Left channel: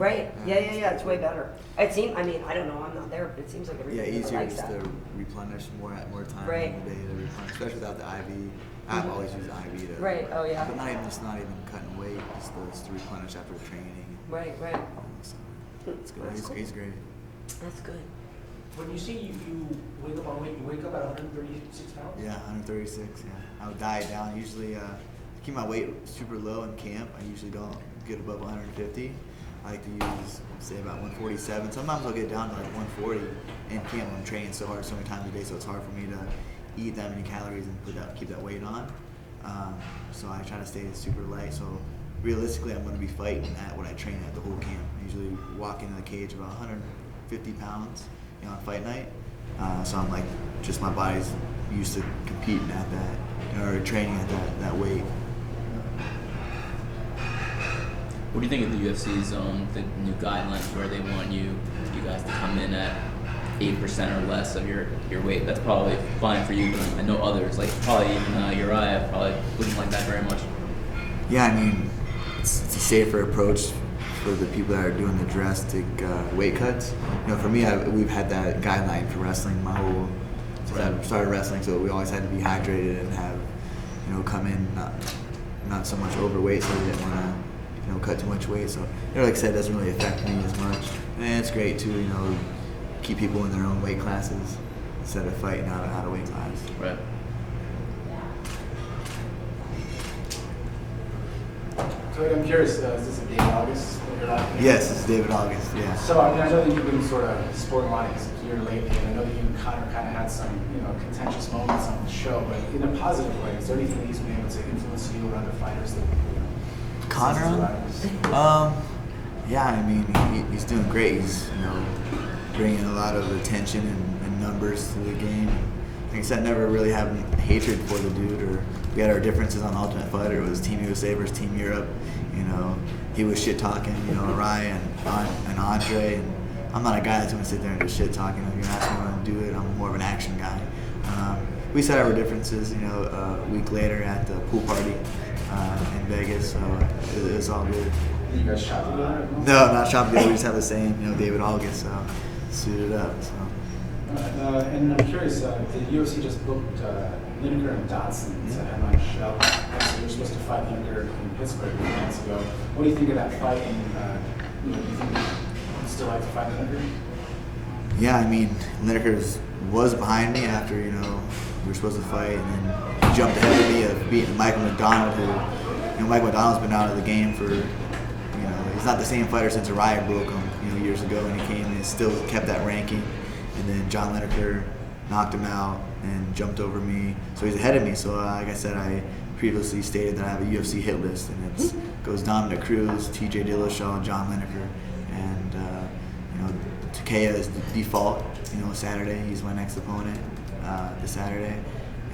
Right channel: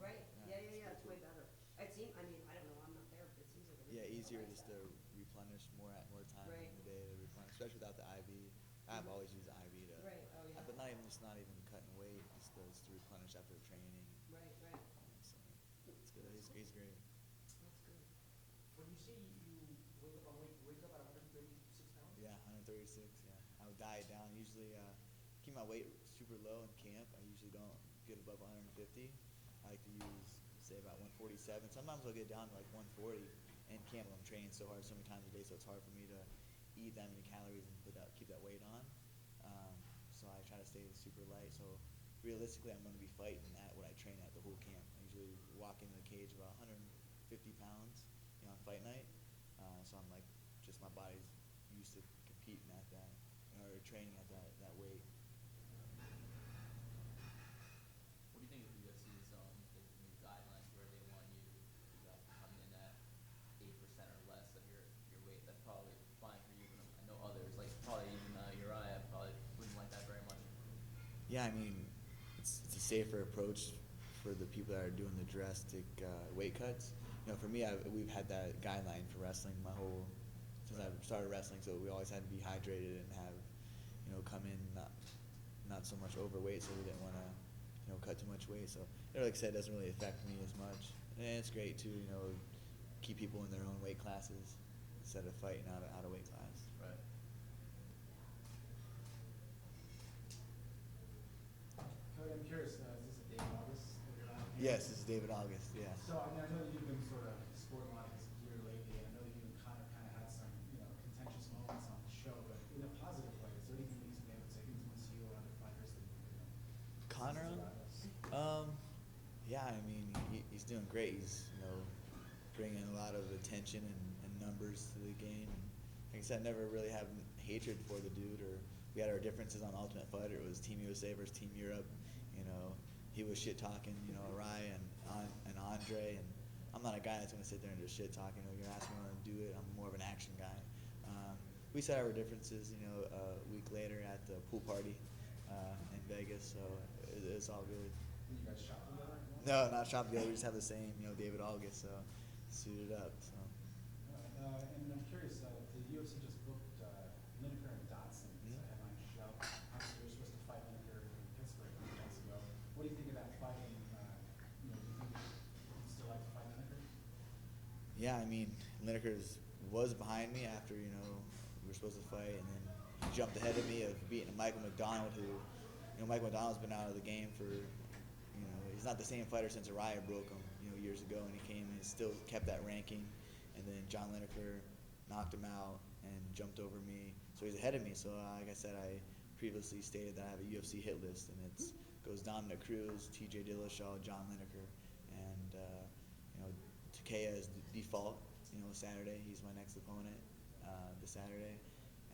Right. Yeah. It's way better. It seems. I mean, I don't know. I'm not there, but it seems like everybody easier likes just that. to replenish more time Right. in the day to replenish, especially without the IV. I've always used the IV to. Right. Oh yeah. But not even cutting weight, just to replenish after training. Right. So it's good. That's cool. He's great. That's good. When you say you wake up on weight, you wake up at 136 pounds? Yeah, 136. Yeah, I would diet down. Usually, keep my weight super low in camp. I usually don't get above 150. I like to use, say, about 147. Sometimes I'll get down to like 140 in camp. I'm training so hard so many times a day, so it's hard for me to eat that many calories and keep that weight on. So I try to stay super light. So realistically, I'm going to be fighting at what I train at the whole camp. I usually walk into the cage about 150 pounds, on fight night. So I'm like, just my body's used to competing at that, or training at that weight. What do you think of the UFC's the new guidelines where they want you guys to come in at 8% or less of your weight? That's probably fine for you, but I know others, like probably even Uriah, probably wouldn't like that very much. Yeah, I mean, it's a safer approach for the people that are doing the drastic weight cuts. For me, we've had that guideline for wrestling my whole since I started wrestling, so we always had to be hydrated and have, come in not so much overweight, so we didn't want to, cut too much weight. So, like I said, it doesn't really affect me as much. And it's great too, keep people in their own weight classes instead of fighting out of weight class. Right. Cody, I'm curious, is this a David August that you're laughing at? Yes, it's David August, yeah. So, I know that you've been sort of sporting a lot here lately, and I know that you and Conor kind of had some, contentious moments on the show, but in a positive way, is there anything that he's been able to influence you or other fighters that, Conor? Yeah, I mean, he's doing great. He's, bringing a lot of attention and numbers to the game. Like I said, never really having hatred for the dude, or we had our differences on Ultimate Fighter. It was Team USA versus Team Europe. He was shit talking, Ryan and Andre, and I'm not a guy that's gonna sit there and just shit talking. If you're asking me to do it, I'm more of an action guy. We set our differences, a week later at the pool party in Vegas, so it was all good. you guys shop together? No, not shop together. We just have the same, David August, so suited up. So. And I'm curious, the UFC just booked Lineker and Dotson to headline show. So you're supposed to fight Lineker in Pittsburgh a few months ago. What do you think of that fight? And do you think you'd still like to fight Lineker? Yeah, I mean, Lineker was behind me after, we were supposed to fight, and then he jumped ahead of me of beating Michael McDonald, who, Michael McDonald's been out of the game for, he's not the same fighter since Uriah broke him, years ago, and he came and still kept that ranking. And then John Lineker knocked him out and jumped over me, so he's ahead of me. So like I said, I previously stated that I have a UFC hit list, and it goes Dominick, Cruz, TJ Dillashaw, John Lineker, and Takeya is the default. Saturday he's my next opponent this Saturday,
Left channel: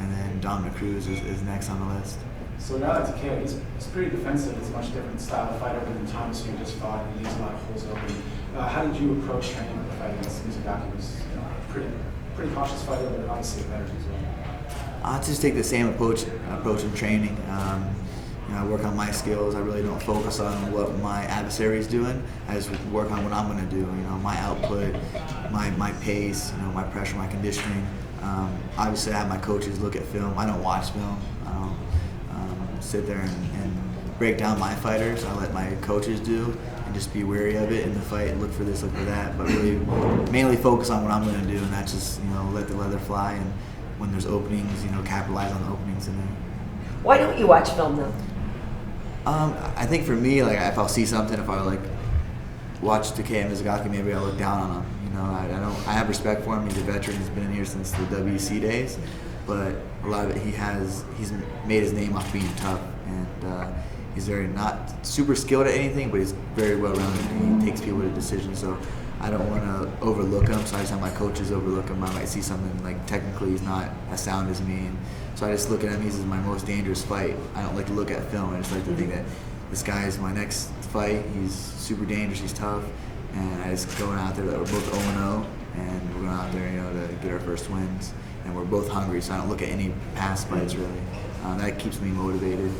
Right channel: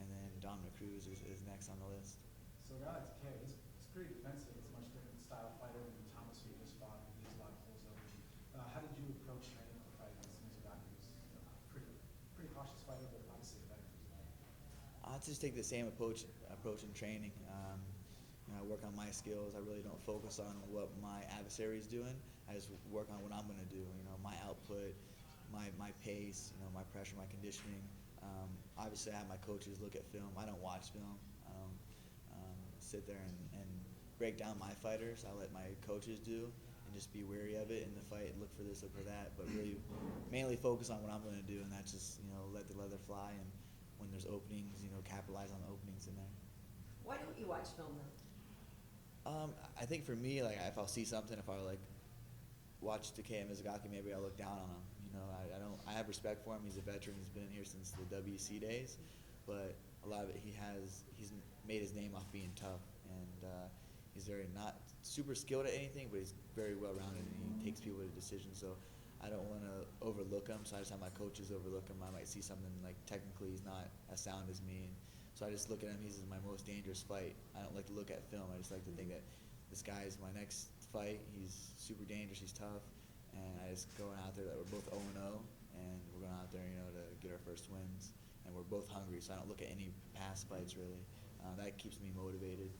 and then Dominick Cruz is next on the list. So now that Takeya, he's pretty defensive. It's a much different style of fighter than Thomas, who just fought and leaves a lot of holes open. How did you approach training the fight against Mizugaki? He was pretty cautious fighter, but obviously a better as well. I just take the same approach in training. I work on my skills. I really don't focus on what my adversary is doing. I just work on what I'm going to do. My output, my pace, my pressure, my conditioning. Obviously, I have my coaches look at film. I don't watch film. I don't sit there and break down my fighters. I let my coaches do, and just be wary of it in the fight. Look for this, look for that. But really, mainly focus on what I'm going to do, and that's just let the leather fly. And when there's openings, capitalize on the openings in there. Why don't you watch film though? I think for me, like if I'll see something, if I watch Takeya Mizugaki, maybe I'll look down on him. I have respect for him. He's a veteran. He's been in here since the WC days, but a lot of it he's made his name off being tough, and he's very not super skilled at anything, but he's very well rounded. He takes people to decisions, so I don't want to overlook him. So I just have my coaches overlook him. I might see something like technically he's not as sound as me, and so I just look at him. He's my most dangerous fight. I don't like to look at film. I just like to think that this guy is my next fight. He's super dangerous. He's tough, and I just going out there that we're both 0-0, and we're going out there, to get our first wins, and we're both hungry. So I don't look at any past fights really. That keeps me motivated.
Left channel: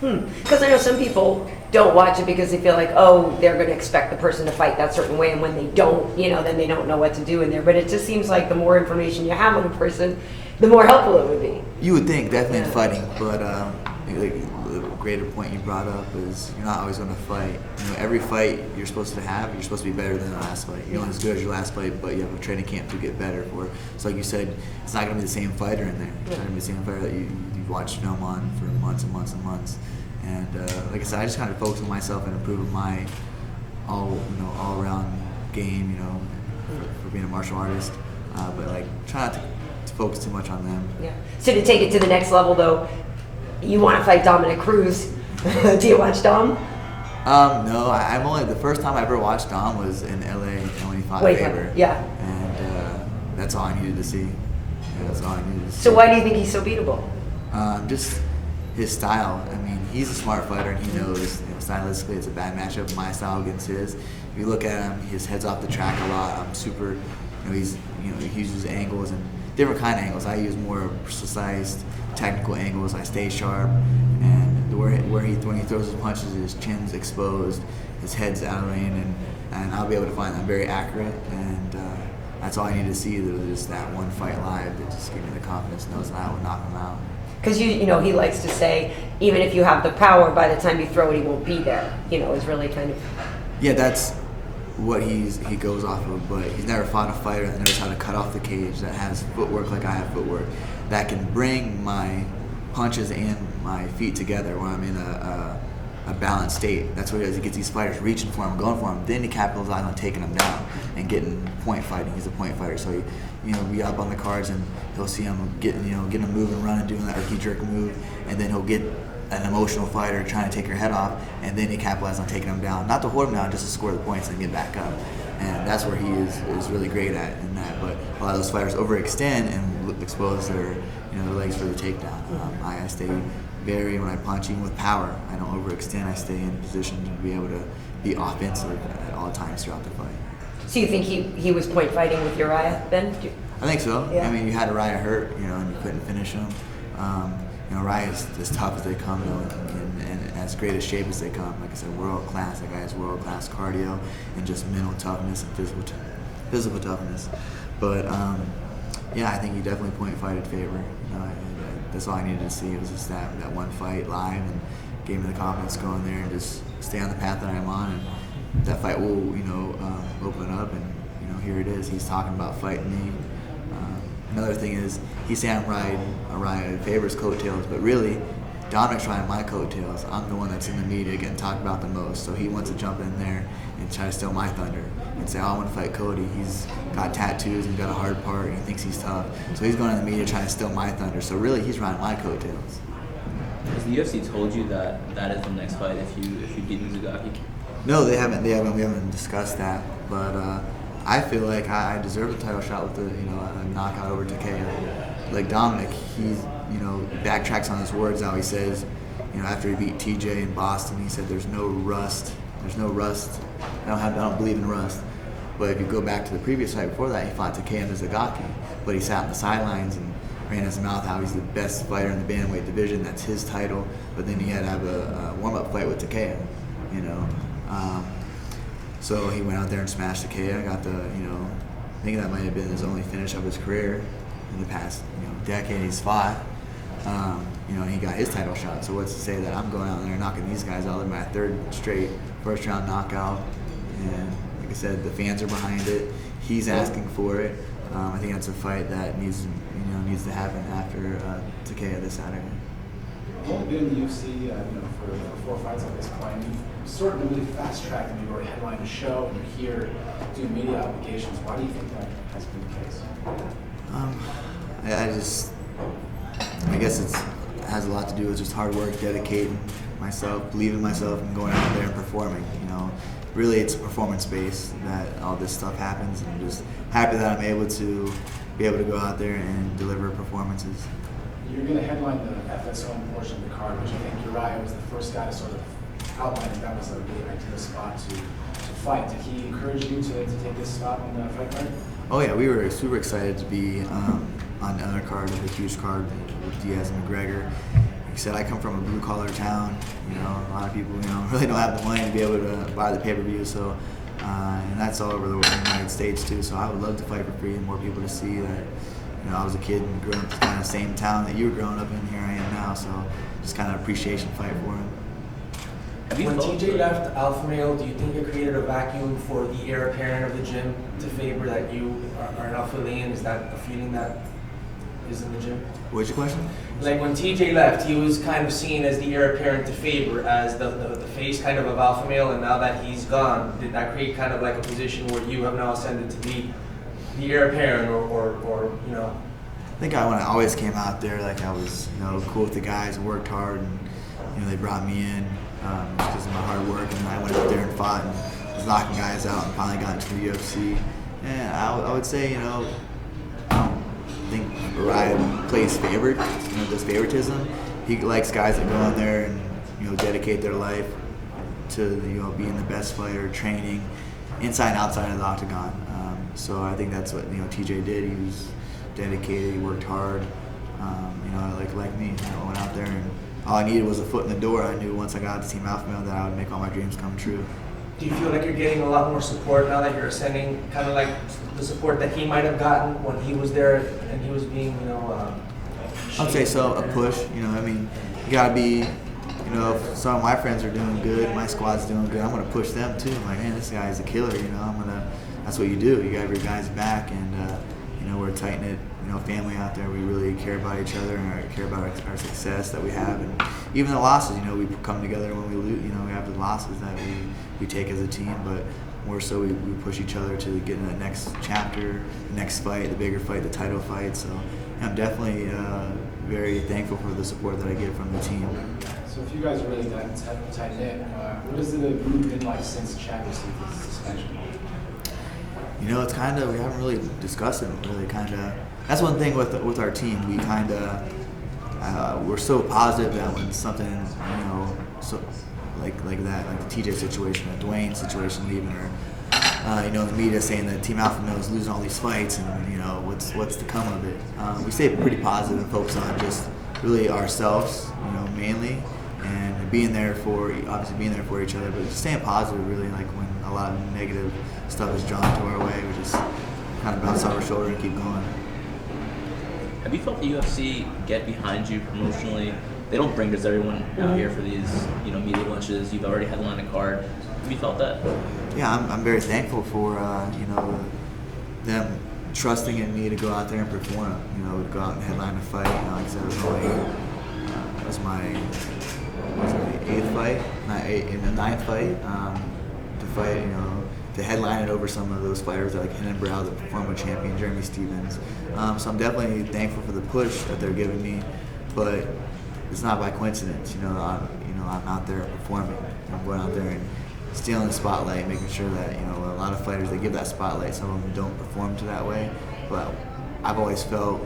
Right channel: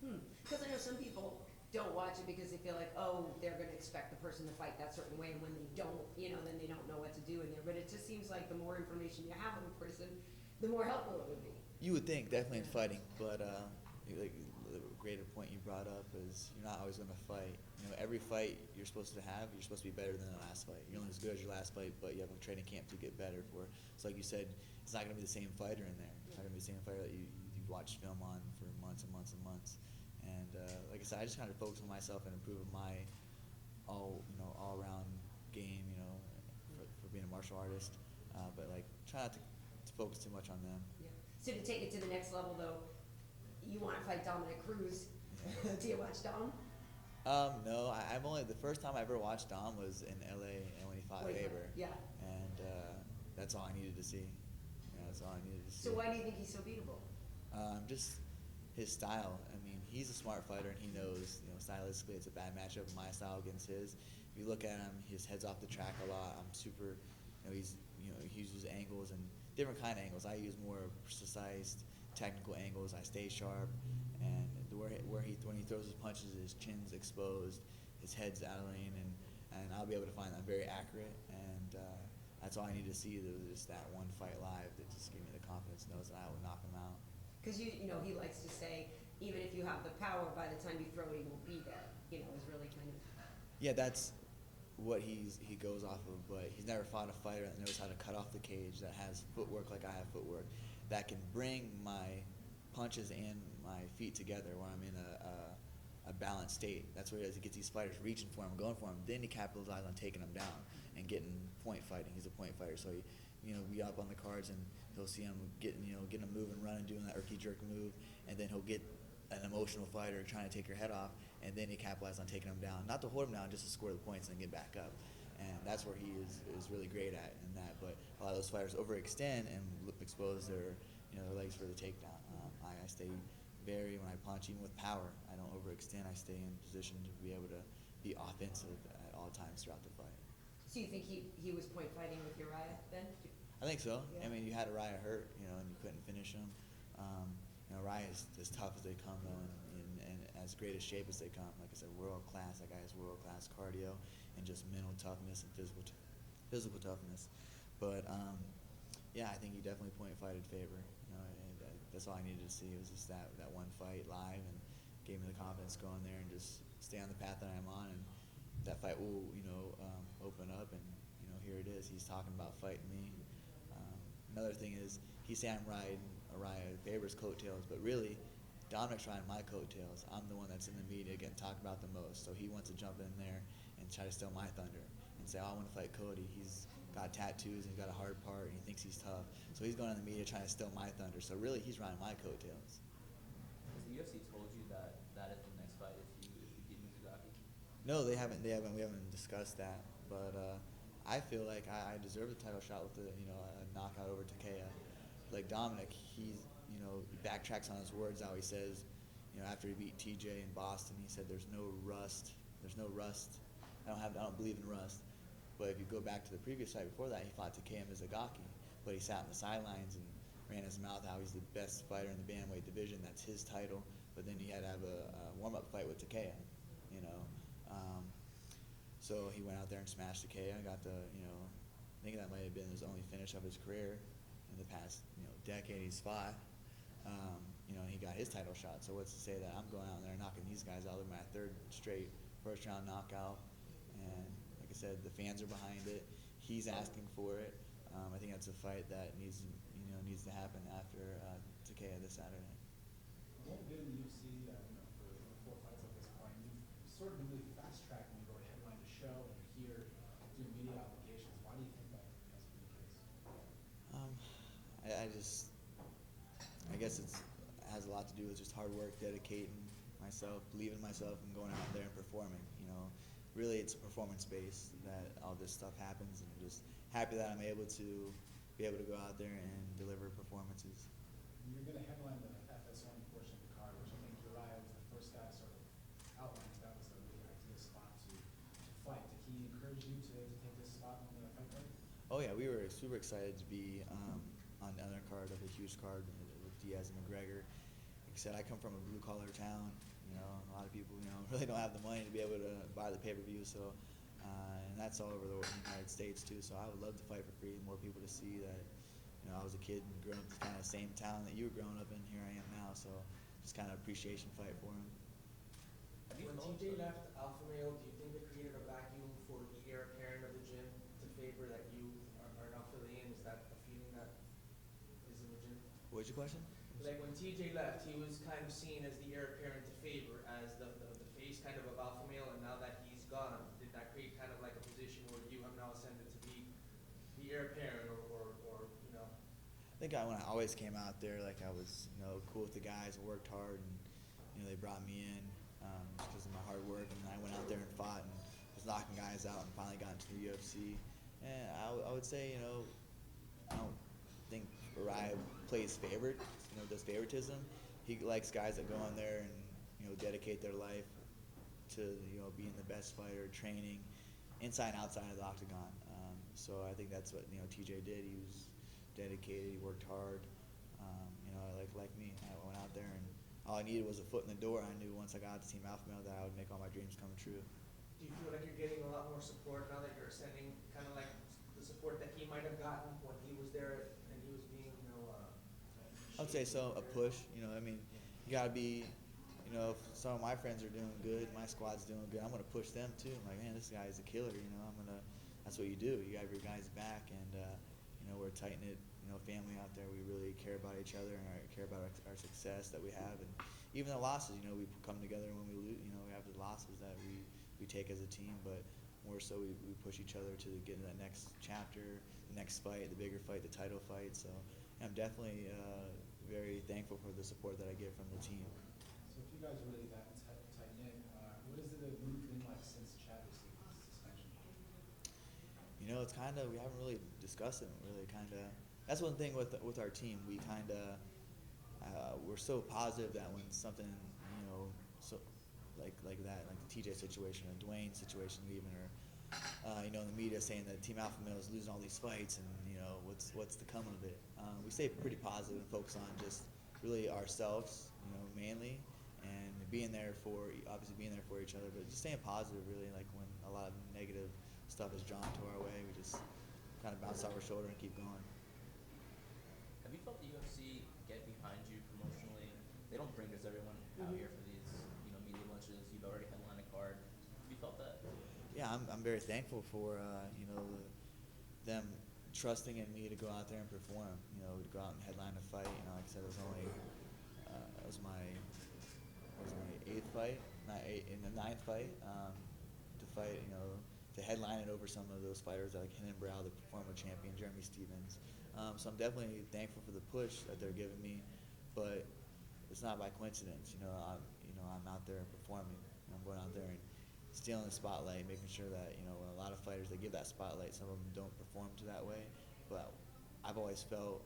Because I know some people don't watch it because they feel like, oh, they're going to expect the person to fight that certain way, and when they don't, then they don't know what to do in there. But it just seems like the more information you have on a person, the more helpful it would be. You would think, definitely in Yeah. fighting, but the greater point you brought up is you're not always going to fight. Every fight you're supposed to have, you're supposed to be better than the last fight. You're not as good as your last fight, but you have a training camp to get better for. So like you said, it's not going to be the same fighter in there. It's not going to be the same fighter that you've watched film on for months and months and months. And like I said, I just kind of focus on myself and improving my all-around game, for being a martial artist. But like try not to focus too much on them. Yeah. So to take it to the next level, though, you want to fight Dominick Cruz. Do you watch Dom? No, I'm only the first time I ever watched Dom was in LA when he fought Faber. Yeah. And that's all I needed to see. Yeah, that's all I needed to see. So why do you think he's so beatable? Just his style. I mean, he's a smart fighter, and he knows stylistically it's a bad matchup. My style against his. If you look at him, his head's off the track a lot. I'm super. He uses angles and different kind of angles. I use more precise, technical angles. I stay sharp, and when he throws his punches, his chin's exposed, his head's out of range, and I'll be able to find that very accurate. And that's all I need to see. There was just that one fight live that just gave me the confidence, knows that I would knock him out. Because he likes to say, even if you have the power, by the time you throw it, he won't be there. Is really kind of. Yeah, that's what he goes off of, but he's never fought a fighter that knows how to cut off the cage, that has footwork like I have footwork, that can bring my punches and my feet together where I'm in a balanced state. That's what he does. He gets these fighters reaching for him, going for him, then he capitalizes on taking them down and getting point fighting. He's a point fighter, so we up on the cards and he'll see him getting him moving, running, doing that herky jerk move, and then he'll get an emotional fighter trying to take your head off, and then he capitalizes on taking him down. Not to hold him down, just to score the points and get back up. And that's where he is really great at in that. But a lot of those fighters overextend and expose their legs for the takedown. I stay when I punch, even with power, I don't overextend. I stay in position to be able to be offensive at all times throughout the fight. So you think he was point fighting with Uriah then? I think so. Yeah. I mean, you had Uriah hurt, and you couldn't finish him. Uriah is as tough as they come, and as great a shape as they come. Like I said, world class. That guy has world class cardio and just mental toughness and physical toughness. But I think he definitely point fighted Faber. That's all I needed to see. It was just that one fight live, and gave me the confidence to go in there and just stay on the path that I'm on. And that fight will, open up, and here it is. He's talking about fighting me. Another thing is, he's saying I'm riding Faber's coattails, but really, Dominick's riding my coattails. I'm the one that's in the media getting talked about the most, so he wants to jump in there and try to steal my thunder and say, I want to fight Cody. He's got tattoos and got a hard part, and he thinks he's tough. So he's going in the media trying to steal my thunder. So really, he's riding my coattails. Has the UFC told you that is the next fight if you beat Mizugaki? No, they haven't. We haven't discussed that, but I feel like I deserve a title shot with a knockout over Takeya. Like Dominick, he backtracks on his words. Now he says, after he beat TJ in Boston, he said there's no rust. There's no rust. I don't believe in rust. But if you go back to the previous fight before that, he fought Takeya Mizugaki, but he sat on the sidelines and ran his mouth how he's the best fighter in the bantamweight division. That's his title. But then he had to have a warm-up fight with Takeya. So he went out there and smashed Takeya. Got the, I think that might have been his only finish of his career in the past, decade he's fought. And he got his title shot. So what's to say that I'm going out there knocking these guys out? They're my third straight first-round knockout. And like I said, the fans are behind it. He's asking for it. I think that's a fight that needs to happen after Takeya this Saturday. You've only been in the UFC, for 4 fights at this point. You've sort of really fast-tracked, and you've already headlined a show, and you're here doing media obligations. Why do you think that has been the case? I guess it has a lot to do with just hard work, dedicating myself, believing in myself, and going out there and performing. Really, it's performance-based that all this stuff happens, and I'm just happy that I'm able to go out there and deliver performances. You're going to headline the FS1 portion of the card, which I think Uriah was the first guy to sort of outline that was a really ideal spot to fight. Did he encourage you to take this spot on the fight card? Oh yeah, we were super excited to be on the other card, the huge card with Diaz and McGregor. said, I come from a blue collar town. You know, a lot of people, you know, really don't have the money to be able to buy the pay-per-view. So, and that's all over the United States too. So I would love to fight for free and more people to see that. You know, I was a kid and grew up in the kind of same town that you were growing up in. Here I am now. So just kind of appreciation fight for him. When TJ left Alpha Male, do you think it created a vacuum for the heir apparent of the gym to favor that you are an alpha lane? Is that a feeling that is in the gym? What's your question? Like when TJ left, he was kind of seen as the heir apparent to favor, as the face kind of Alpha Male, and now that he's gone, did that create kind of like a position where you have now ascended to be the heir apparent or you know? I think when I always came out there, like I was, you know, cool with the guys and worked hard, and you know they brought me in because of my hard work, and I went out there and fought and was knocking guys out and finally got into the UFC. And I would say, you know, I don't think Ryan plays favored, you know, does favoritism. He likes guys that go in there and, you know, dedicate their life to, you know, being the best fighter, training inside and outside of the octagon. So I think that's what, you know, TJ did. He was dedicated, he worked hard, you know, like me. You know, I went out there and all I needed was a foot in the door. I knew once I got to Team Alpha Male that I would make all my dreams come true. Do you feel like you're getting a lot more support now that you're ascending, kind of like the support that he might have gotten when he was there and he was being, you know, I'd say so, a push. You know, I mean, you gotta be, you know, if some of my friends are doing good, my squad's doing good, I'm gonna push them too. I'm like, man, this guy is a killer. You know, that's what you do. You got your guys back, and you know, we're a tight knit, you know, family out there. We really care about each other and care about our success that we have, and even the losses. You know, we come together when we lose. You know, we have the losses that we take as a team, but more so we push each other to get in the next chapter, the next fight, the bigger fight, the title fight. So I'm definitely very thankful for the support that I get from the team. So if you guys are really that tight knit, what has the group been like since Chad received his suspension? You know, it's kind of, we haven't really discussed it. Really, kind of. That's one thing with our team. We kind of we're so positive that when something, you know, so like that, like the TJ situation, or Dwayne situation leaving, or you know, the media saying that Team Alpha Male is losing all these fights, and you know, what's to come of it. We stay pretty positive and focus on just really ourselves, you know, mainly, and being there for each other, but just staying positive. Really, like when a lot of negative stuff is drawn to our way, we just kind of bounce off our shoulder and keep going. Have you felt the UFC get behind you promotionally? They don't bring just everyone out here for these, you know, media lunches. You've already headlined a card. Have you felt that? Yeah, I'm very thankful for you know, them trusting in me to go out there and perform. You know, to go out and headline a fight. You know, like I said, it was my 8th fight, in the 9th fight, to fight. You know, to headline it over some of those fighters like Hennon Brow, the former champion, Jeremy Stevens. So I'm definitely thankful for the push that they're giving me, but it's not by coincidence. You know, I'm out there performing. I'm going out there and stealing the spotlight, making sure that, you know, a lot of fighters, they give that spotlight. Some of them don't perform to that way, but I've always felt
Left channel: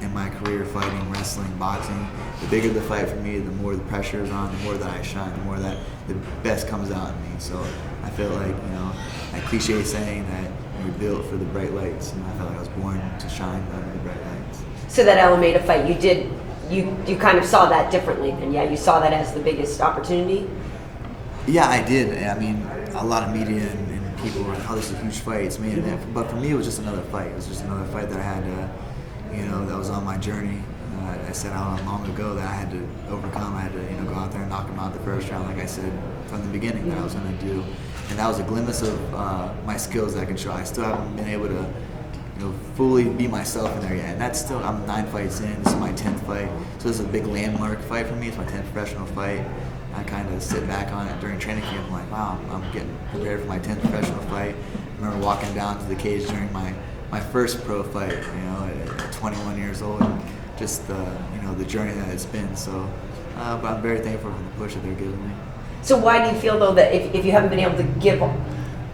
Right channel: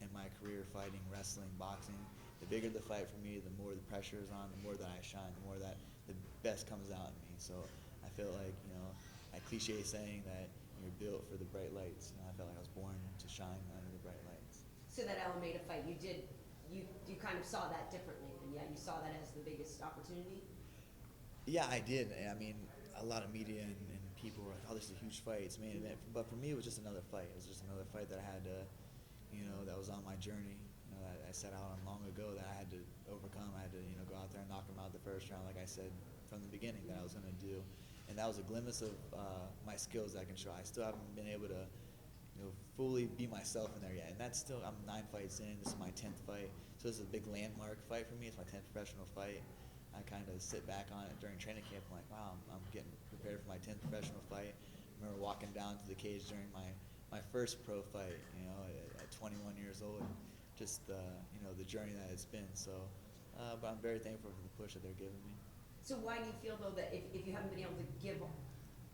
in my career, fighting, wrestling, boxing, the bigger the fight for me, the more the pressure is on, the more that I shine, the more that the best comes out in me. So I feel like, you know, that cliche saying that you're built for the bright lights, and I felt like I was born to shine under the bright lights. So that Alameda fight, you kind of saw that differently, and yeah, you saw that as the biggest opportunity? Yeah, I did. I mean, a lot of media and people were like, oh, this is a huge fight, it's me. But for me, it was just another fight. It was just another fight that I had to, you know, that was on my journey. I set out long ago that I had to overcome. I had to, you know, go out there and knock him out the first round, like I said from the beginning that I was going to do. And that was a glimpse of my skills that I can show. I still haven't been able to, you know, fully be myself in there yet. And that's still, I'm 9 fights in. This is my 10th fight. So this is a big landmark fight for me. It's my 10th professional fight. I kind of sit back on it during training camp. I'm like, wow, I'm getting prepared for my 10th professional fight. I remember walking down to the cage during my first pro fight, you know, at 21 years old. And just the, you know, the journey that it's been. So, but I'm very thankful for the push that they're giving me. So why do you feel though that if you haven't been able to give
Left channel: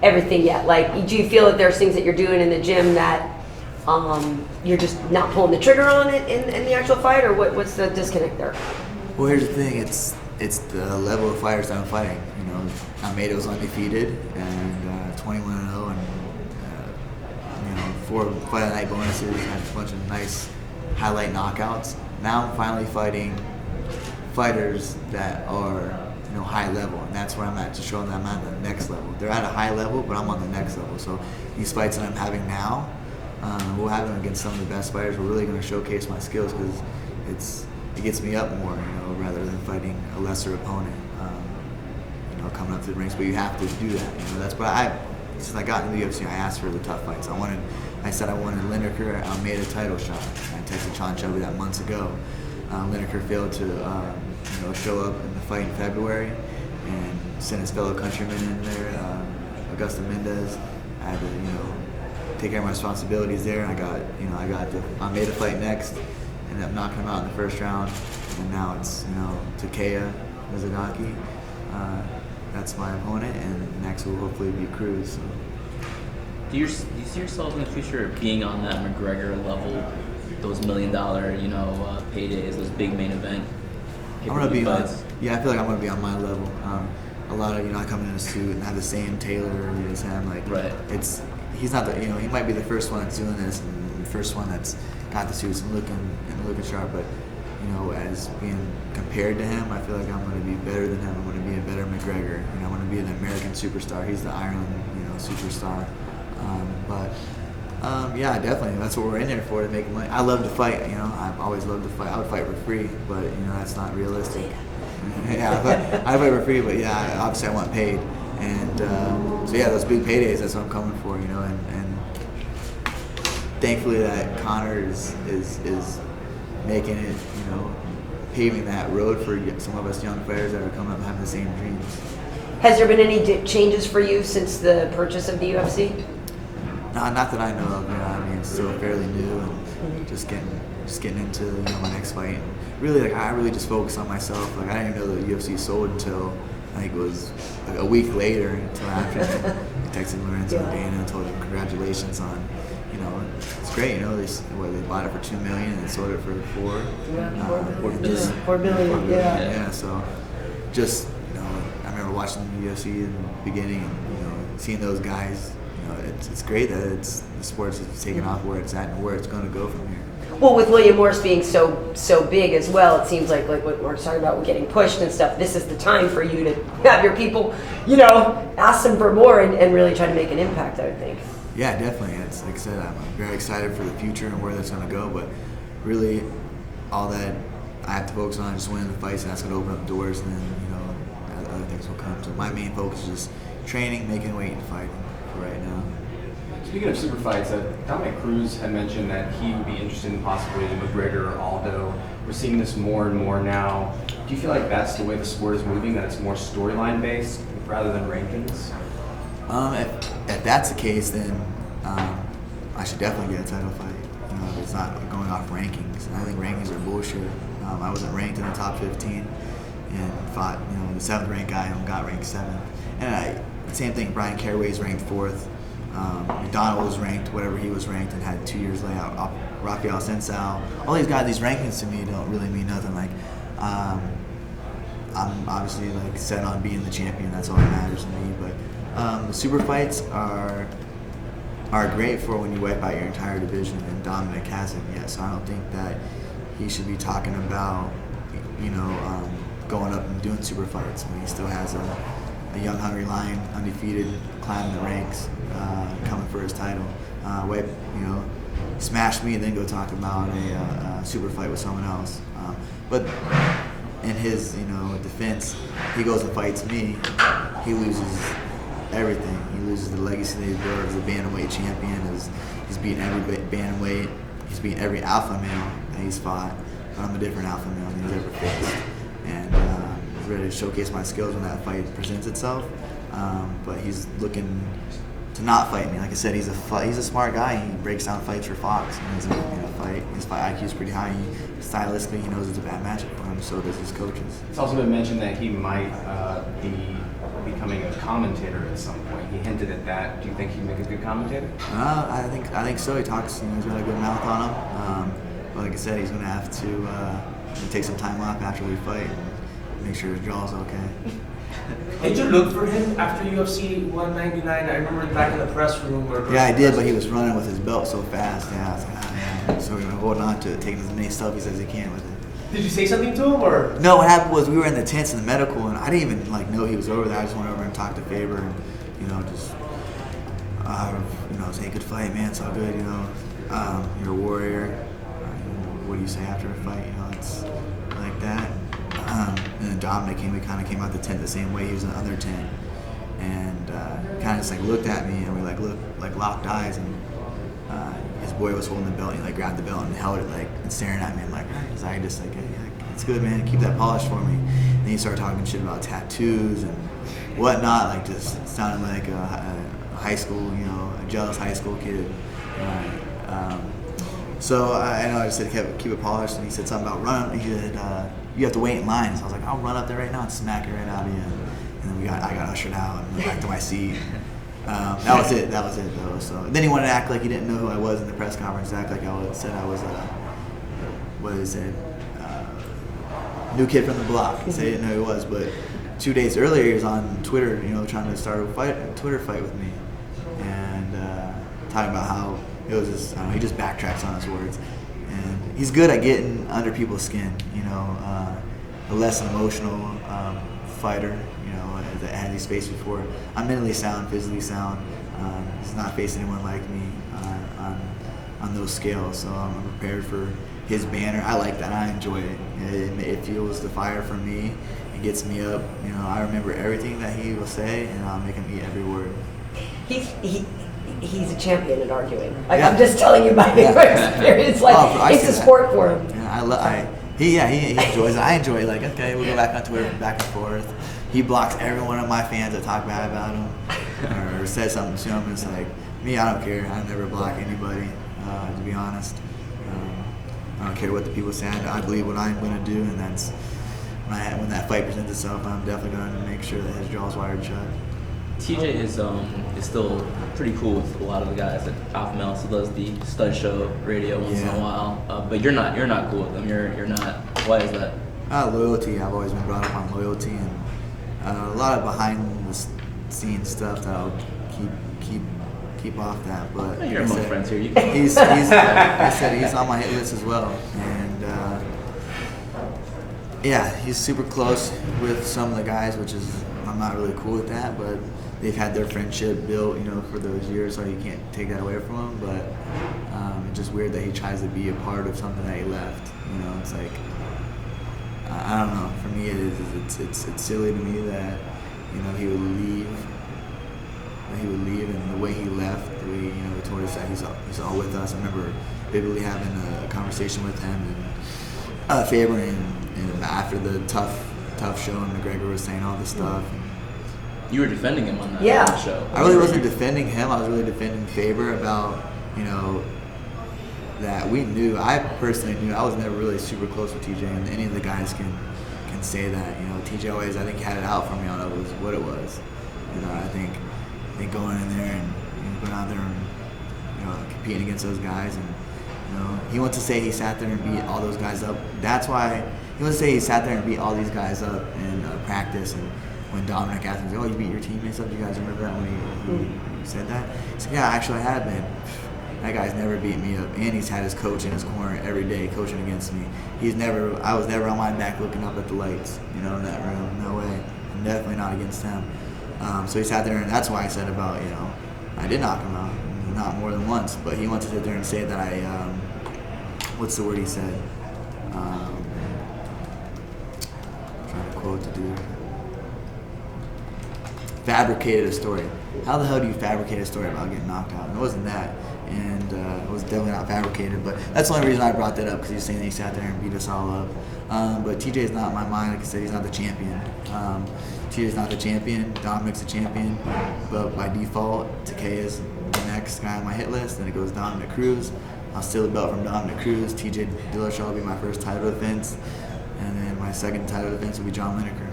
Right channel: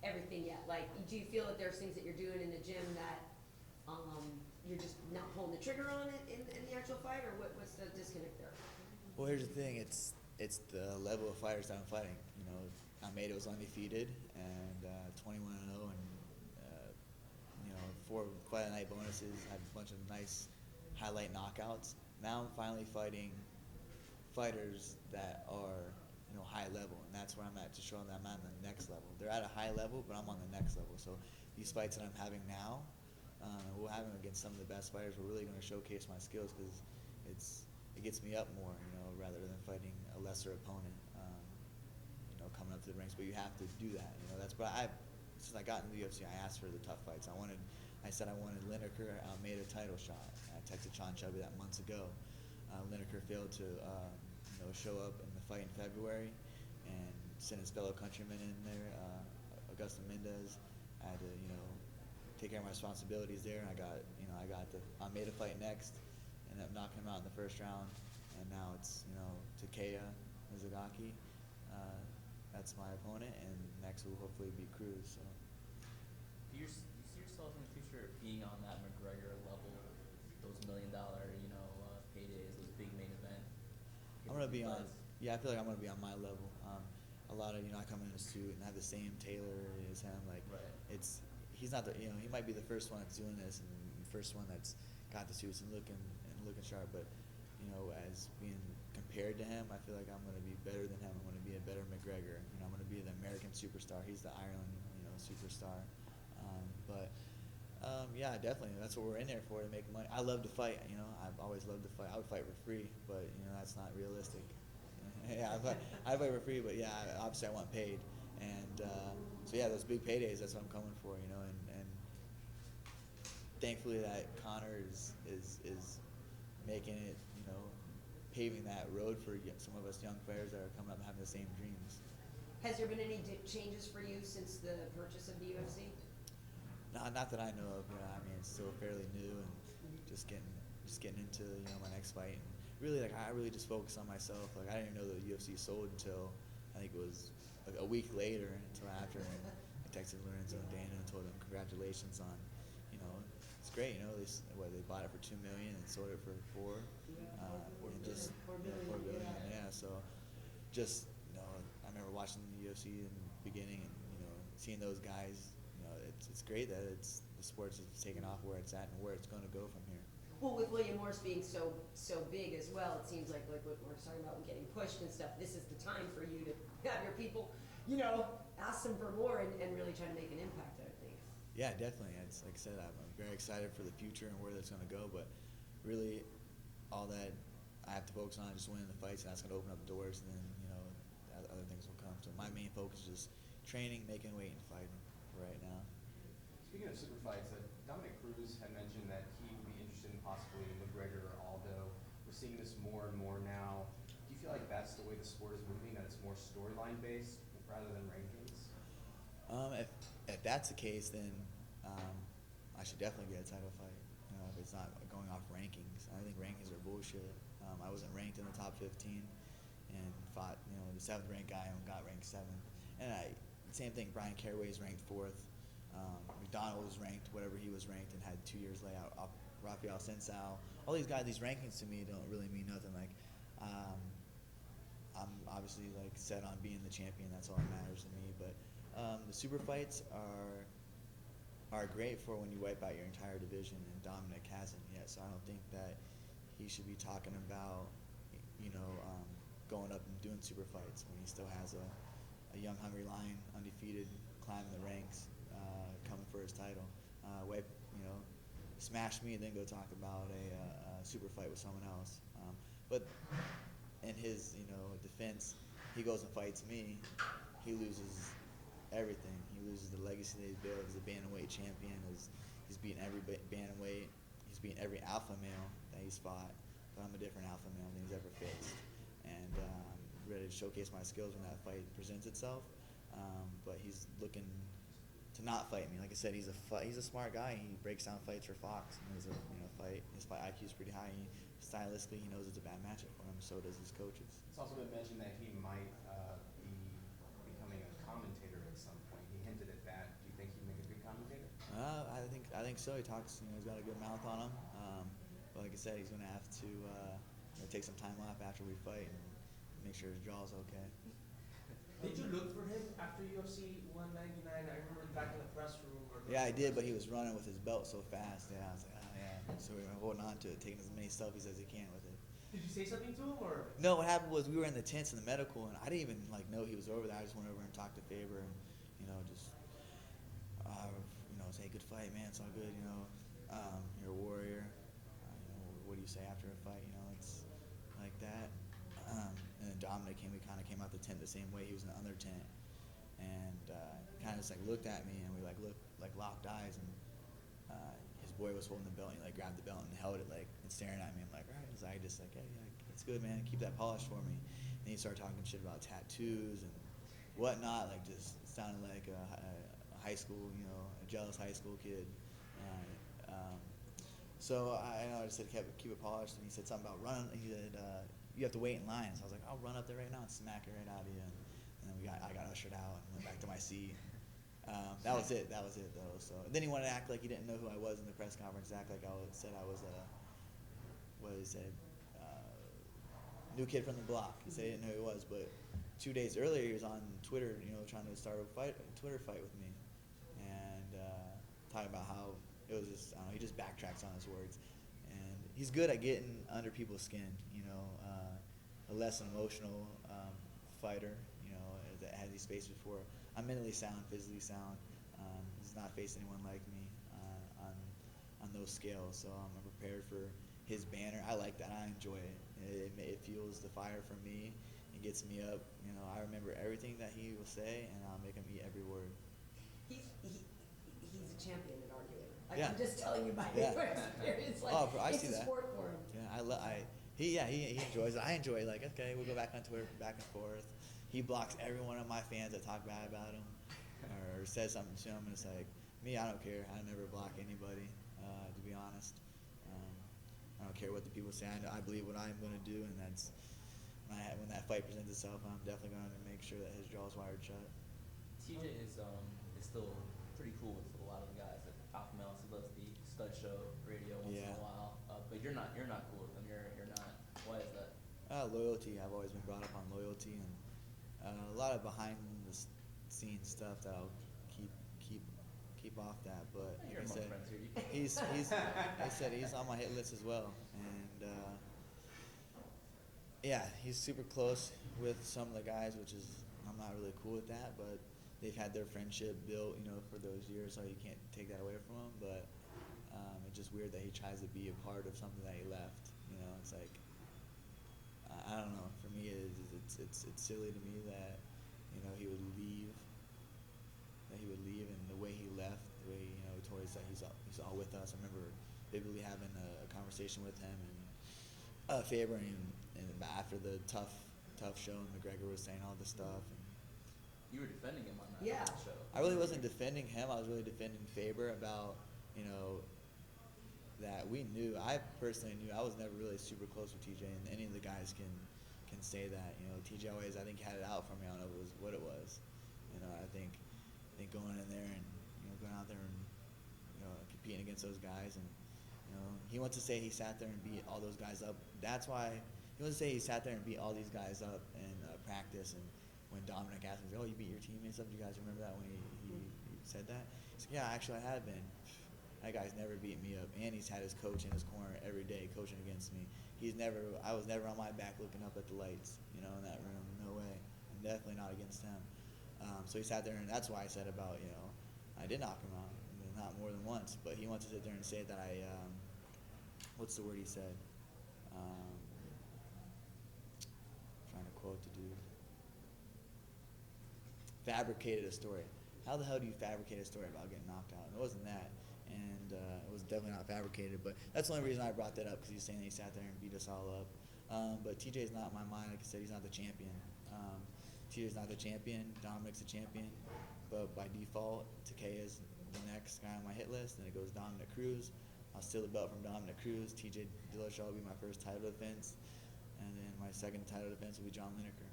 everything yet, like do you feel that there's things that you're doing in the gym that you're just not pulling the trigger on it in the actual fight, or what's the disconnect there? Well, here's the thing. It's the level of fighters that I'm fighting. You know, Almeida was undefeated and 21-0, and you know, 4 fight of the night bonuses, had a bunch of nice highlight knockouts. Now I'm finally fighting fighters that are high level, and that's where I'm at, to show them that I'm at the next level. They're at a high level, but I'm on the next level. So these fights that I'm having now, we'll have them against some of the best fighters. We're really going to showcase my skills because it gets me up more, rather than fighting a lesser opponent, coming up to the rings. But you have to do that. That's what since I got into the UFC, I asked for the tough fights. I said I wanted Lineker. I made a title shot. I texted Sean Shelby that months ago. Lineker failed to show up in the fight in February and sent his fellow countrymen in there, Augusto Mendez. I had to take care of my responsibilities there, and I made a fight next, ended up knocking him out in the first round, and now it's Takeya Mizugaki. That's my opponent, and next will hopefully be Cruz. So. Do you see yourself in the future being on that McGregor level, those $1 million, paydays, those big main event? I'm gonna be on. Yeah, I feel like I'm gonna be on my level. A lot of I come in a suit and have the same tailor as him. Like, right. He's not the he might be the first one that's doing this and the first one that's got the suits and looking sharp, but as being compared to him, I feel like I'm going to be better than him. I'm going to be a better McGregor. I'm going to be an American superstar. He's the Ireland, superstar. Yeah, definitely. That's what we're in there for, to make money. I love to fight. I've always loved to fight. I would fight for free, but that's not realistic. Yeah, I fight for free, but yeah, obviously I want paid. And so yeah, those big paydays. That's what I'm coming for. And thankfully that Conor is making it, paving that road for some of us young players that are coming up and having the same dreams. Has there been any changes for you since the purchase of the UFC? No, not that I know of. It's still fairly new, and just getting into my next fight. And really, I really just focus on myself. I didn't even know the UFC sold until I think it was a week later. Until after I texted Lorenzo and Dana and told them congratulations on. It's great. They bought it for $2 million and sold it for $4 billion. Yeah. So just I remember watching the UFC in the beginning, and seeing those guys. It's great that the sports is taking off where it's at and where it's going to go from here. Well, with William Morris being so big as well, it seems like what we're talking about, getting pushed and stuff. This is the time for you to have your people, ask them for more and really try to make an impact, I would think. Yeah, definitely. It's like I said, I'm very excited for the future and where that's going to go. But really, all that I have to focus on is just winning the fights, and that's going to open up doors, and then other things will come. So my main focus is just training, making weight, and fighting for right now. Speaking of super fights, Dominick Cruz had mentioned that he would be interested in possibly McGregor or Aldo. We're seeing this more and more now. Do you feel like that's the way the sport is moving, that it's more storyline based rather than rankings? If that's the case, then I should definitely get a title fight. If it's not going off rankings. I think rankings are bullshit. I wasn't ranked in the top 15 and fought the 7th ranked guy and got ranked 7th. And same thing, Brian Caraway's ranked 4th. McDonald was ranked, whatever he was ranked, and had 2 years layout. Rafael Sensao. All these guys, these rankings to me don't really mean nothing. I'm obviously set on being the champion. That's all that matters to me. But the super fights are great for when you wipe out your entire division, and Dominick hasn't yet. So I don't think that he should be talking about going up and doing super fights when he still has a young hungry lion, undefeated, climbing the ranks, coming for his title. Smash me and then go talk about a super fight with someone else. But in his defense, he goes and fights me. He loses everything. He loses the legacy that he built as a bantamweight champion. He's beaten every bantamweight. He's beaten every alpha male that he's fought. But I'm a different alpha male than he's ever faced. And ready to showcase my skills when that fight presents itself. But he's looking to not fight me. Like I said, he's a smart guy. He breaks down fights for Fox. And he's fight. His fight IQ is pretty high. Stylistically, he knows it's a bad matchup for him. So does his coaches. It's also been mentioned that he might be becoming a commentator at some point. He hinted at that. Do you think he'd make a good commentator? I think so. He talks. He's got a good mouth on him. But like I said, he's going to have to take some time off after we fight and make sure his jaw's okay. Did you look for him after UFC 199? I remember back in the press room. Yeah, I did, but he was running with his belt so fast. Yeah, I was like, man. So we're holding on to it, taking as many selfies as he can with it. Did you say something to him or? No, what happened was we were in the tents in the medical, and I didn't even like know he was over there. I just went over and talked to Faber, and just say good fight, man. It's all good, you're a warrior. What do you say after a fight? It's like that. And then Dominick came. We kind of came out the tent the same way. He was in the other tent, and kind of just like looked at me, and we locked eyes, and his boy was holding the belt, and he grabbed the belt and held it and staring at me. I'm like, I just hey, it's good, man. Keep that polish for me. And then he started talking shit about tattoos and whatnot, just sounding like a high school, a jealous high school kid. So I just said keep it polished, and he said something about running. He said you have to wait in line. So I was like, I'll run up there right now and smack it right out of you. And then I got ushered out and went back to my seat. That was it though. So then he wanted to act like he didn't know who I was in the press conference. Act like I said I was what is it? New kid from the block. He said he didn't know who he was, but 2 days earlier he was on Twitter, trying to start a Twitter fight with me, and talking about how it was just, he just backtracks on his words, and he's good at getting under people's skin. A less emotional fighter. That had he's faced before. I'm mentally sound, physically sound. He's not faced anyone like me on those scales, so I'm prepared for his banner. I like that. I enjoy it. It fuels the fire for me. It gets me up. I remember everything that he will say, and I'll make him eat every word. He's a champion at arguing. Yeah. I'm just telling you my experience. It's a sport for him. Yeah, he enjoys it. I enjoy it. Okay, we'll go back on Twitter, back and forth. He blocks every one of my fans that talk bad about him or says something to him. It's like, me, I don't care. I never block anybody, to be honest. I don't care what the people say. I believe what I'm going to do, and that's when that fight presents itself, I'm definitely going to make sure that his jaw's wired shut. TJ is still pretty cool with a lot of the guys at Alpha Male. He does the stud show radio once in a while, but you're not cool with them. You're not. Why is that? Loyalty. I've always been brought up on loyalty, and a lot of behind the scenes stuff that I'll keep off that. But you're among friends here. He's I said he's on my hit list as well, and he's super close with some of the guys, which is I'm not really cool with that, but they've had their friendship built, for those years, so you can't take that away from him. But it's just weird that he tries to be a part of something that he left. It's like, I don't know. For me, it's silly to me that he would leave. And the way he left, the way he told us that he's all with us. I remember vividly having a conversation with him and Faber, and after the tough show, and McGregor was saying all this stuff. You were defending him on that show. I really wasn't defending him. I was really defending Faber about that we knew. I personally knew. I was never really super close with TJ, and any of the guys can say that. TJ always, I think, had it out for me on what it was. I think going in there and going out there and competing against those guys, and he wants to say he sat there and beat all those guys up. That's why he wants to say he sat there and beat all these guys up in practice. And when Dominick asked me, "Oh, you beat your teammates up?" You guys remember that when he said that? He said, "Yeah, actually, I have been. That guy's never beat me up, and he's had his coach in his corner every day coaching against me. I was never on my back looking up at the lights, in that room. No way. I'm definitely not against him." So he sat there, and that's why I said about, I did knock him out, not more than once, but he wants to sit there and say that I, what's the word he said? I'm trying to quote the dude. Fabricated a story. How the hell do you fabricate a story about getting knocked out? And it wasn't that. And it was definitely not fabricated, but that's the only reason I brought that up, because he was saying that he sat there and beat us all up. But TJ is not in my mind. Like I said, he's not the champion. TJ is not the champion. Dominick's the champion. But by default, Takeya is the next guy on my hit list. Then it goes Dominick Cruz. I'll steal the belt from Dominick Cruz. TJ Dillashaw will be my first title defense. And then my second title defense will be John Lineker.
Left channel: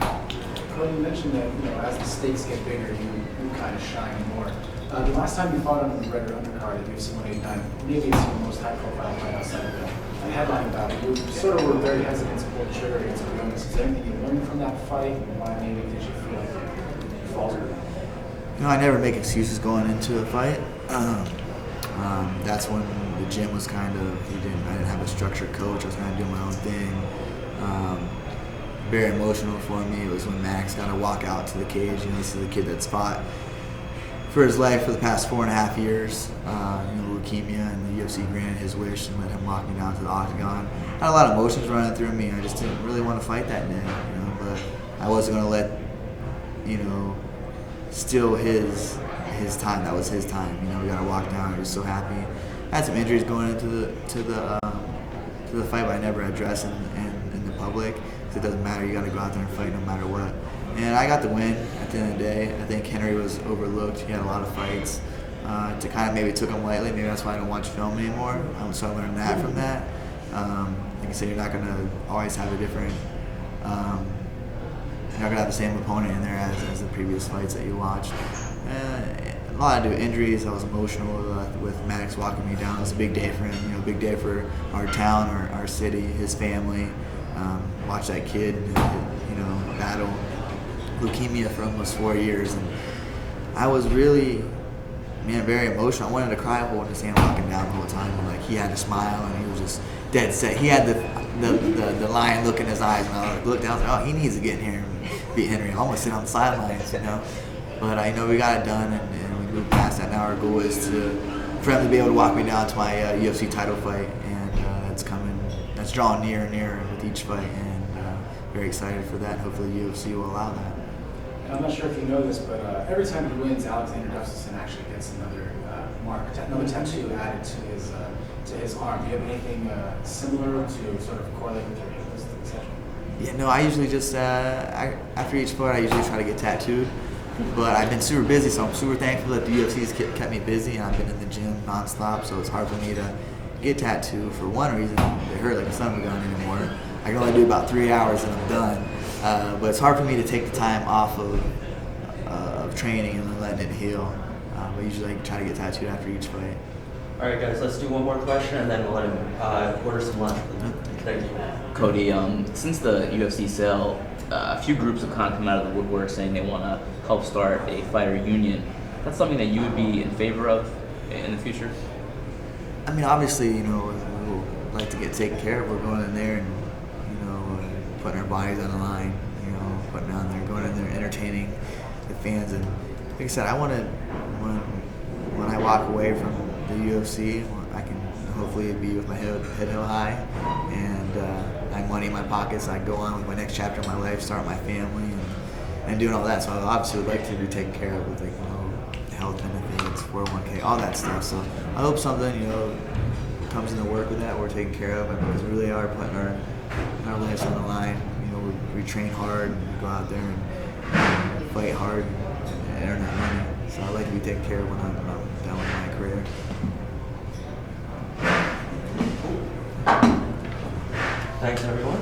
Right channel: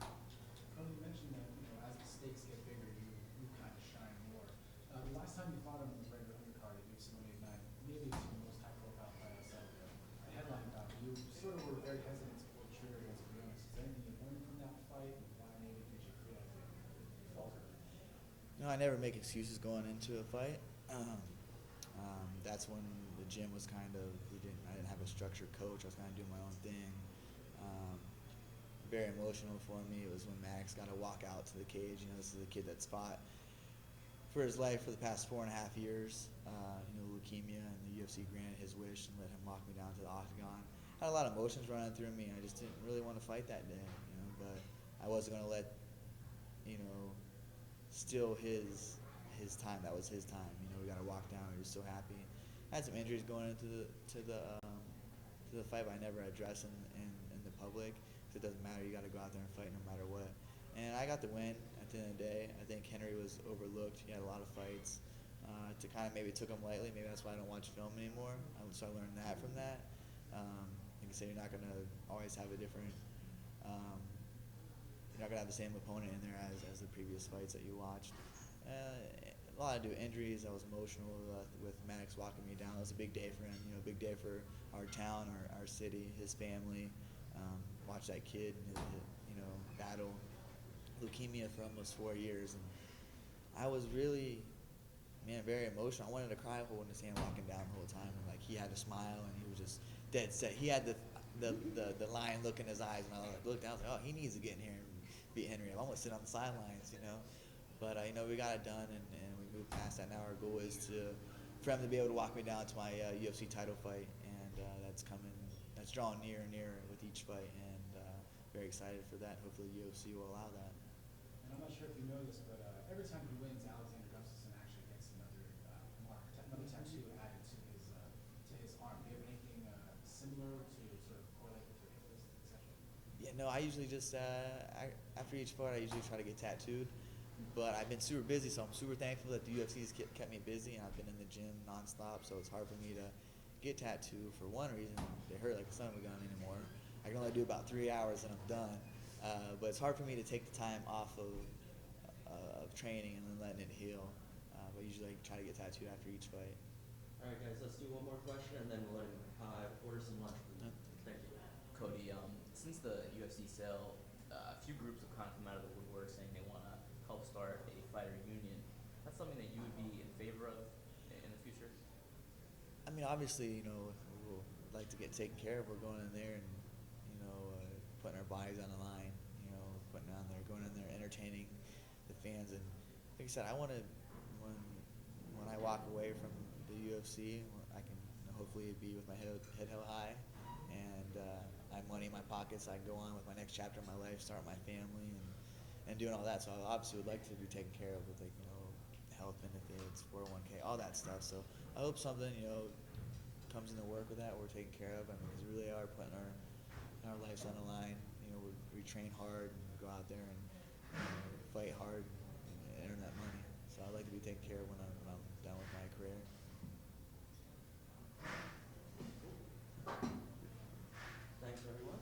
Well, you mentioned that as the stakes get bigger, you kind of shine more. The last time you fought on the McGregor undercard at UFC 189, maybe it's your most high-profile fight outside of the headline bout. You sort of were very hesitant to pull the trigger against Bryant. Is there anything you learned from that fight, and why maybe did you feel like you faltered? I never make excuses going into a fight. That's when the gym was I didn't have a structured coach. I was kind of doing my own thing. Very emotional for me. It was when Max got to walk out to the cage. You know, this is a kid that's fought for his life for the past 4.5 years. Leukemia, and the UFC granted his wish and let him walk me down to the octagon. I had a lot of emotions running through me. I just didn't really want to fight that day, but I wasn't going to let, steal his time. That was his time. We got to walk down. I was so happy. I had some injuries going into the fight, but I never addressed in the public. It doesn't matter. You got to go out there and fight no matter what. And I got the win at the end of the day. I think Henry was overlooked. He had a lot of fights. To kind of maybe took him lightly. Maybe that's why I don't watch film anymore. So I learned that from that. Like I said, you're not going to always have a different. You're not going to have the same opponent in there as the previous fights that you watched. A lot to do with injuries. I was emotional with Max walking me down. It was a big day for him. Big day for our town, our city, his family. Watch that kid, battle leukemia for almost 4 years, and I was really, very emotional. I wanted to cry holding his hand walking down the whole time. And, he had to smile, and he was just dead set. He had the lion look in his eyes, and I looked down. I was like, he needs to get in here and beat Henry. I almost sit on the sidelines, But we got it done, and we moved past that. Now our goal is for him to be able to walk me down to my UFC title fight, and that's coming. That's drawing nearer and nearer with each fight, and very excited for that. Hopefully UFC will allow that. And I'm not sure if you know this, but every time he wins, Alexander Gustafsson actually gets another another tattoo added to his arm. Do you have anything similar to sort of correlate with your hip, etc.? Yeah, no, I usually just after each fight, I usually try to get tattooed. But I've been super busy, so I'm super thankful that the UFC's kept me busy, and I've been in the gym nonstop. So it's hard for me to get tattooed for one reason. They hurt like a son of a gun anymore. I can only do about 3 hours and I'm done. But it's hard for me to take the time off of training and then letting it heal. But usually I try to get tattooed after each fight. All right, guys, let's do one more question and then we'll let him order some lunch. Thank you. Cody, since the UFC sale, a few groups have kind of come out of the woodwork saying they want to help start a fighter union. That's something that you would be in favor of in the future? I mean, obviously, we'll like to get taken care of. We're going in there and, putting our bodies on the line, putting on there, going in there, entertaining the fans. And like I said, I want to, when I walk away from the UFC, I can hopefully be with my head held high and I have money in my pockets. I can go on with my next chapter of my life, start my family, and doing all that. So I obviously would like to be taken care of with health benefits, 401k, all that stuff. So I hope something comes into work with that. We're taken care of because we really are putting our lives on the line. We train hard and go out there and fight hard and earn that money. So I'd like to be taken care of when I'm done with my career. Thanks, everyone.